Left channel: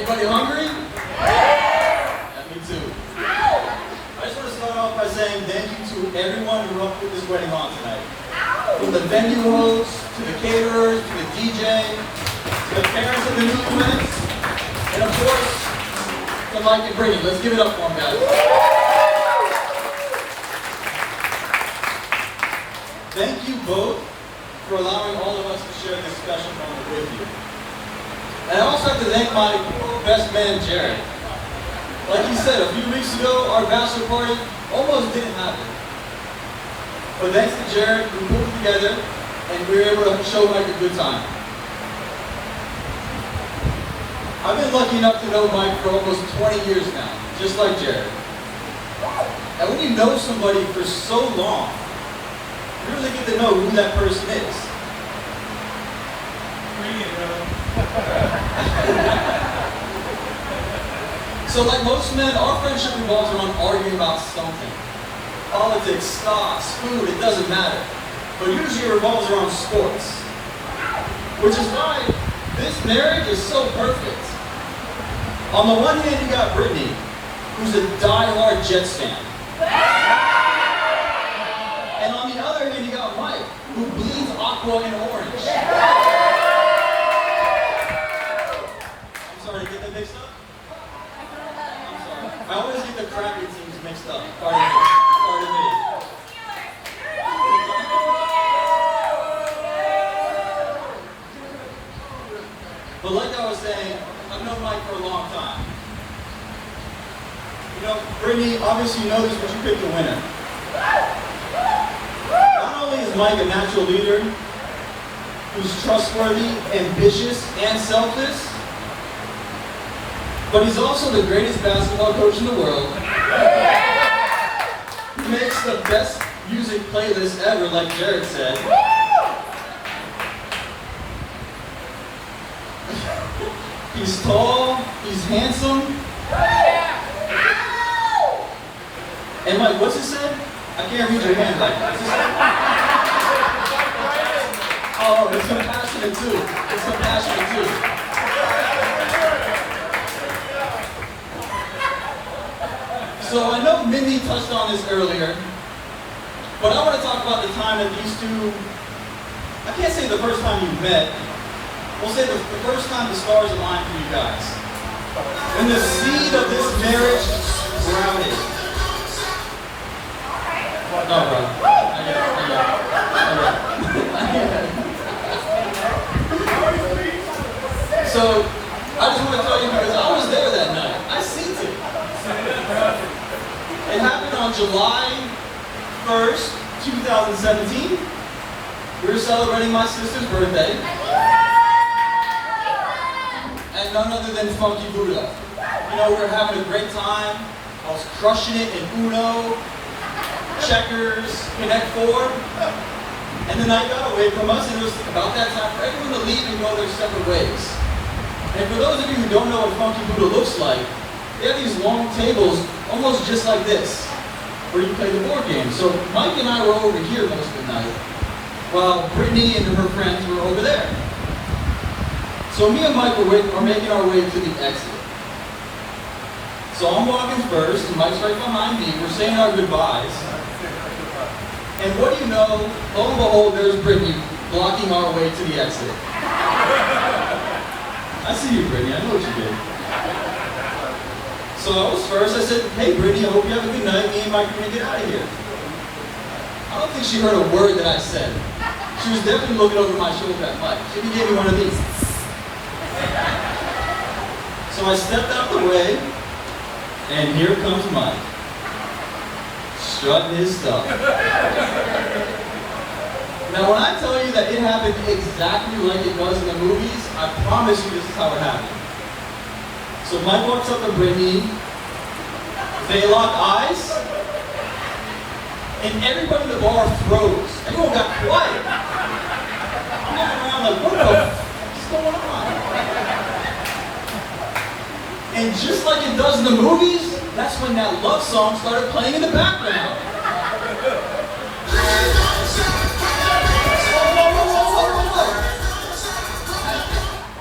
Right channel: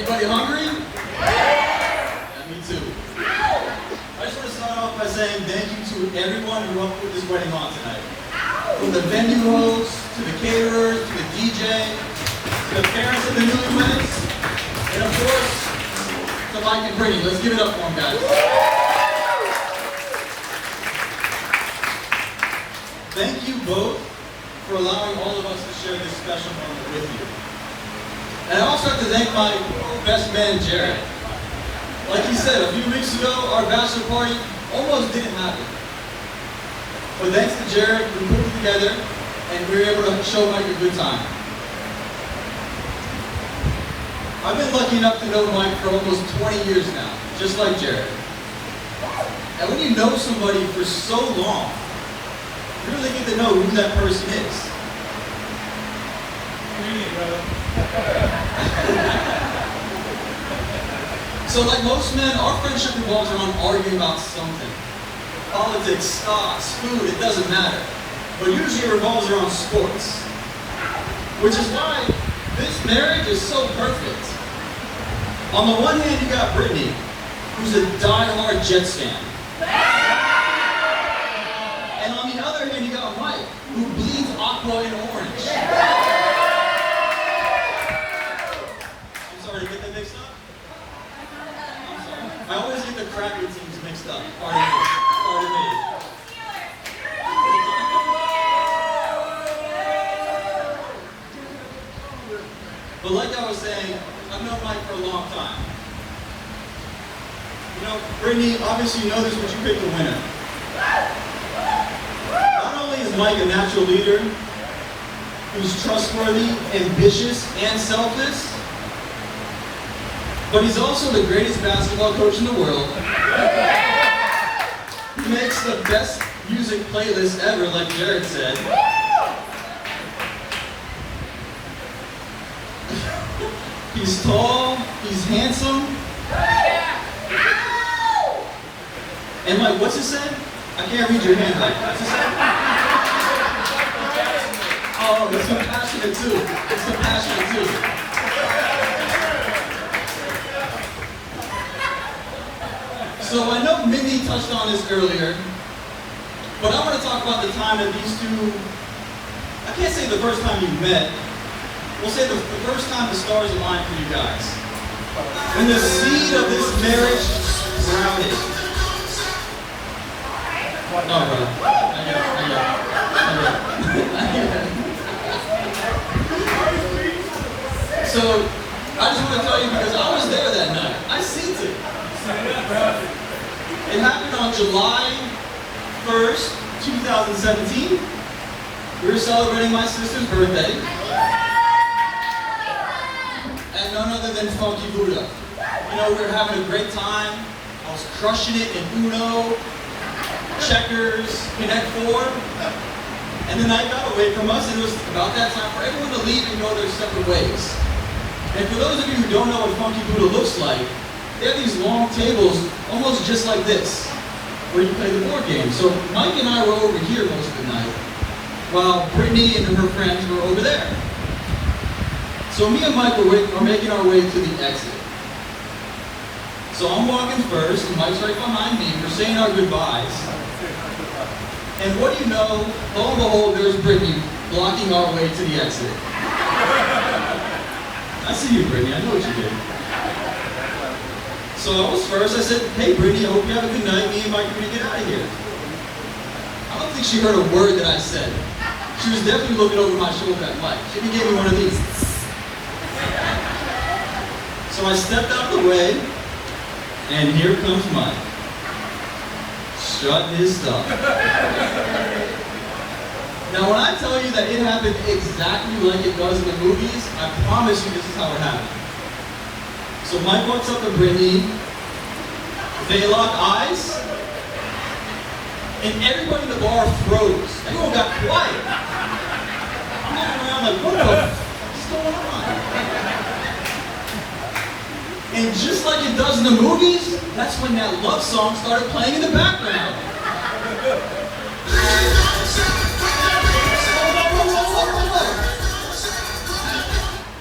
Anybody hungry? Yeah, me too. I just want to start off by saying thank you to everyone who helped put this wedding on tonight. From the venue hosts, to the caterers, to the DJ, to the parents of the newlyweds, and of course, to Mike and Brittany. Let's give it up for them, guys. Thank you both for allowing all of us to share this special moment with you. And I also have to thank my best man, Jared. Like he said, a few weeks ago, our bachelor party almost didn't happen. But thanks to Jared, we put it together, and we were able to show Mike a good time. I've been lucky enough to know Mike for almost 20 years now, just like Jared. And when you know somebody for so long, you really get to know who that person is. So like most men, our friendship revolves around arguing about something. Politics, stocks, food, it doesn't matter. But usually it revolves around sports. Which is why this marriage is so perfect. On the one hand, you got Brittany, who's a die-hard Jets fan. And on the other hand, you got Mike, who bleeds aqua and orange. I'm sorry, did I get that mixed up? I always get the cracker teams mixed up. Pardon me. But like I was saying, I've known Mike for a long time. You know, Brittany, obviously you noticed what you picked the winner. Not only is Mike a natural leader, who's trustworthy, ambitious, and selfless, but he's also the greatest basketball coach in the world. He makes the best music playlist ever, like Jared said. He's tall, he's handsome. And Mike, what's he said? I can't read your hand right. What's he said? Oh, it's compassionate too. It's compassionate too. So I know Mindy touched on this earlier, but I want to talk about the time that these two, I can't say the first time you met, we'll say the first time the stars aligned for you guys. When the seed of this marriage grounded. No, bro. So, I just want to tell you because I was there that night. I seen it. It happened on July 1st, 2017. We were celebrating my sister's birthday. And none other than Funky Buddha. You know, we were having a great time. I was crushing it in Uno, checkers, Connect Four. And the night got away from us, and it was about that time for everyone to leave and go their separate ways. And for those of you who don't know what Funky Buddha looks like, they have these long tables, almost just like this, where you play the board game. So Mike and I were over here most of the night, while Brittany and her friends were over there. So me and Mike are making our way to the exit. So I'm walking first, and Mike's right behind me. We're saying our goodbyes. And what do you know? Lo and behold, there's Brittany blocking our way to the exit. I see you, Brittany. I know what you did. So I was first. I said, hey, Brittany, I hope you have a good night. Me and Mike are going to get out of here. I don't think she heard a word that I said. She was definitely looking over my shoulder at Mike. She even gave me one of these. So I stepped out the way, and here comes Mike. Strutting his stuff. Now when I tell you that it happened exactly like it does in the movies, I promise you this is how it happened. So Mike walks up to Brittany, they lock eyes, and everybody in the bar froze. Everyone got quiet. I'm looking around like, what the f is going on? And just like it does in the movies, that's when that love song started playing in the background.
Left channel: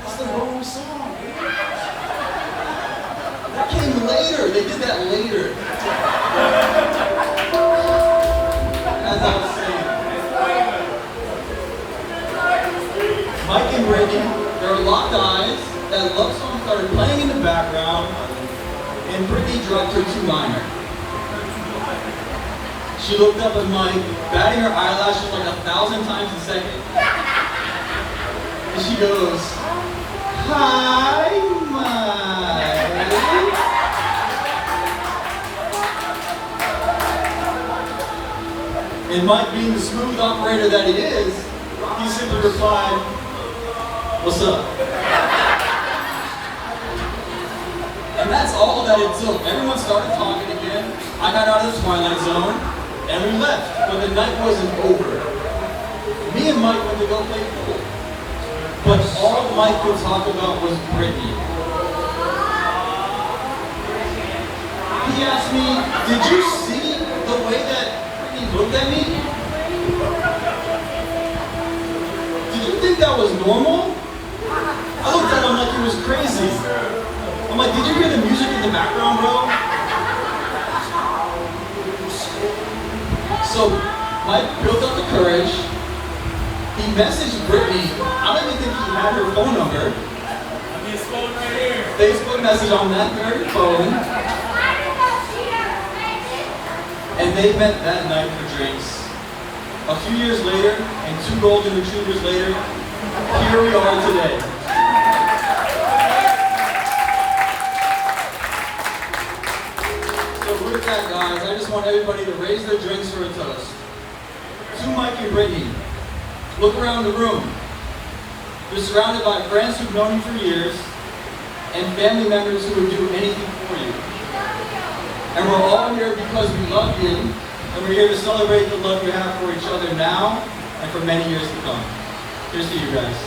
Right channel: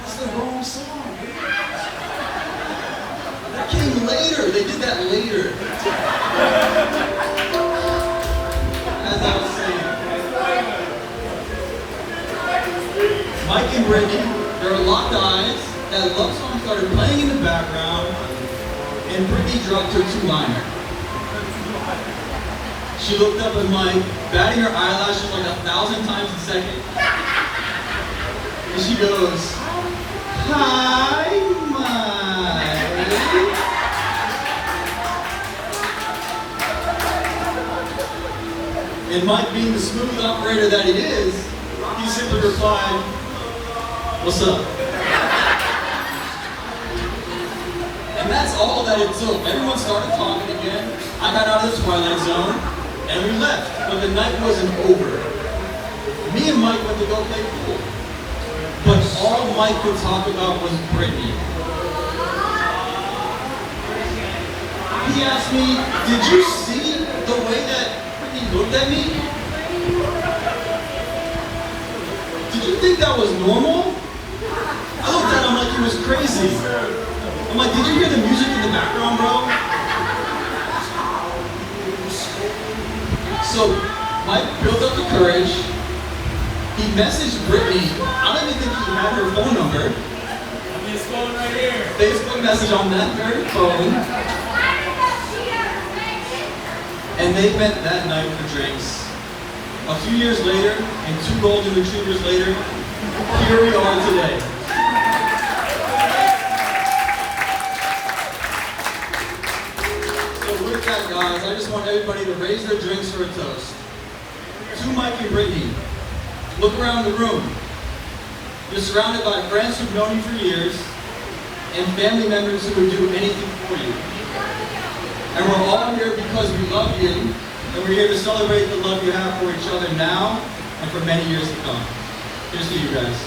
That's the wrong song. they did that later. As I was saying. Mike and Brittany, their locked eyes, that love song started playing in the background, and Brittany dropped her two-liner. She looked up at Mike, batting her eyelashes like 1,000 times a second. And she goes, "Hi, Mike." And Mike, being the smooth operator that he is, he simply replied, "What's up?" And that's all that it took. Everyone started talking again. I got out of the twilight zone, and we left. But the night wasn't over. Me and Mike went to go play pool. But all Mike could talk about was Brittany. He asked me, "Did you see the way that Brittany looked at me? Did you think that was normal?" I looked at him like he was crazy. I'm like, "Did you hear the music in the background, bro?" So Mike built up the courage. He messaged Brittany. I don't even think he had her phone number. I mean, it's phone right here. Facebook message on that very phone. And they met that night for drinks. A few years later, and 2 golden retrievers later, here we are today. So with that, guys, I just want everybody to raise their drinks for a toast. To Mike and Brittany. Look around the room. You're surrounded by friends who've known you for years, and family members who would do anything for you. And we're all here because we love you, and we're here to celebrate the love you have for each other now and for many years to come. Here's to you guys.